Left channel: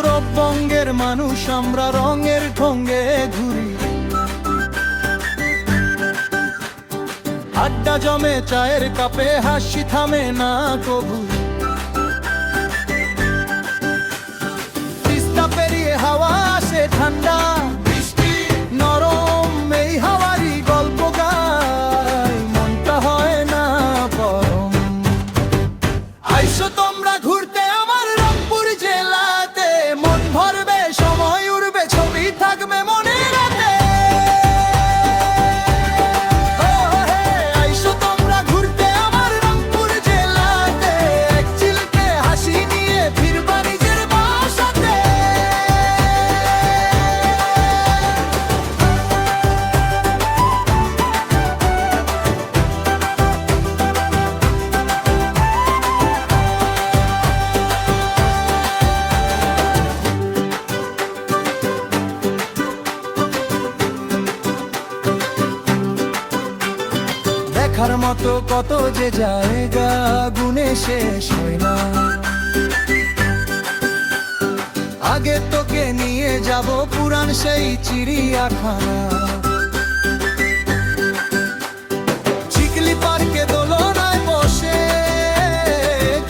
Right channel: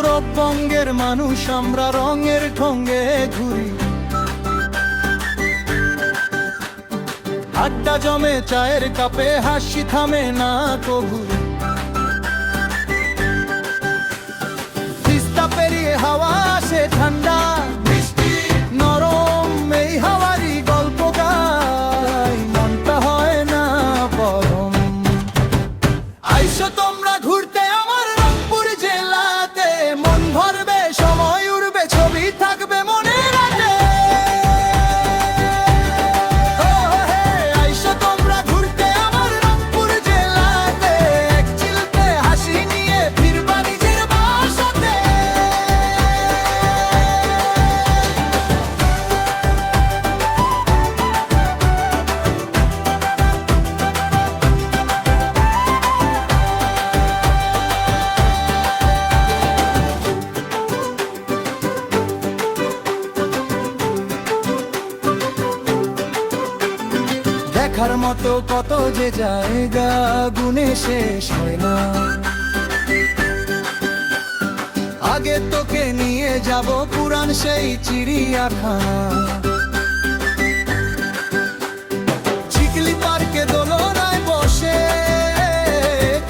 উত্তরবঙ্গের মানুষ আমরা রঙের ঢঙ্গে ঘুরি, আড্ডা জমে চায়ের কাপে, হাসি থামে না কবু। তিস্তা পেরিয়ে হাওয়া আসে ঠান্ডা মিষ্টি নরম, এই হাওয়ারই গল্প গাই, মনটা হয় না পরম। আইসো তোমরা ঘুরতে আমার রংপুর জেলাতে, মন ভরবে, সময় উড়বে, ছবি থাকবে মনে রাতে। আইসো তোমরা ঘুরতে আমার রংপুর জেলাতে, এক চিলতে হাসি নিয়ে ফিরবা নিজের বাসাতে। দেখার মতো কত যে জায়গা গুনে শেষ হয় না, আগে তোকে নিয়ে যাব পুরান সেই চিড়িয়াখানা। চিকলি পার্কে দোলনায় বসে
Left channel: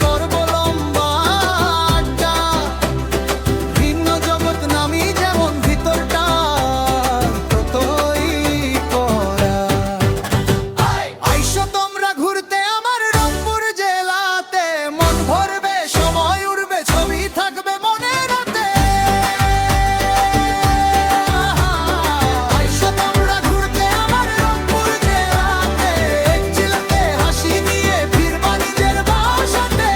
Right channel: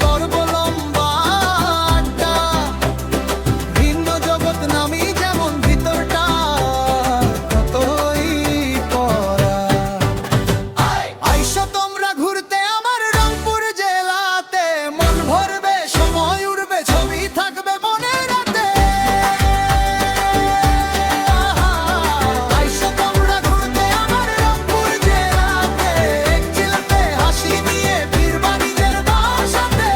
করব লম্বা আড্ডা, ভিন্ন জগৎ নামি যেমন ভিতরটা ততই করা। আইসো তোমরা ঘুরতে আমার রংপুর জেলাতে, মন ভরবে, সময় উড়বে, ছবি থাকবে মনে রাতে। আইসো তোমরা ঘুরতে আমার রংপুর জেলাতে, এক চিলতে হাসি নিয়ে ফিরবা নিজের বাসাতে।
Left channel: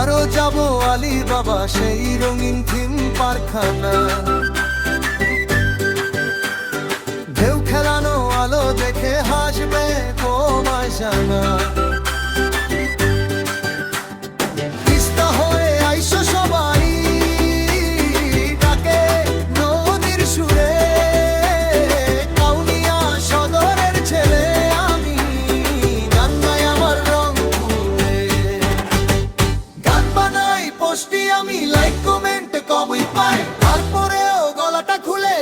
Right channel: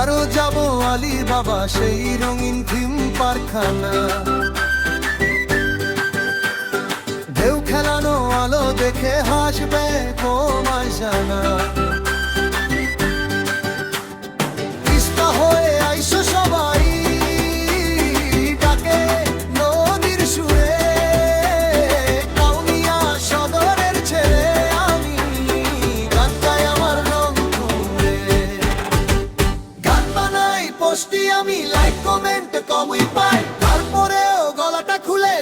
আরো যাব আলী বাবা সেই রঙিন থিম পারখানা, ঢেউ খেলানো আলো দেখে হাসবে তোমায় জানা। তিস্তা হয়ে আইসো সবাই ডাকে নদীর সুরে, কাউনিয়া সদরের ছেলে আমি, গান গাই আমার রংপুরে। গান বানাই পোস্টি আমি, লাইক কমেন্ট কমই পাই, তারপরেও গলাটা খুলে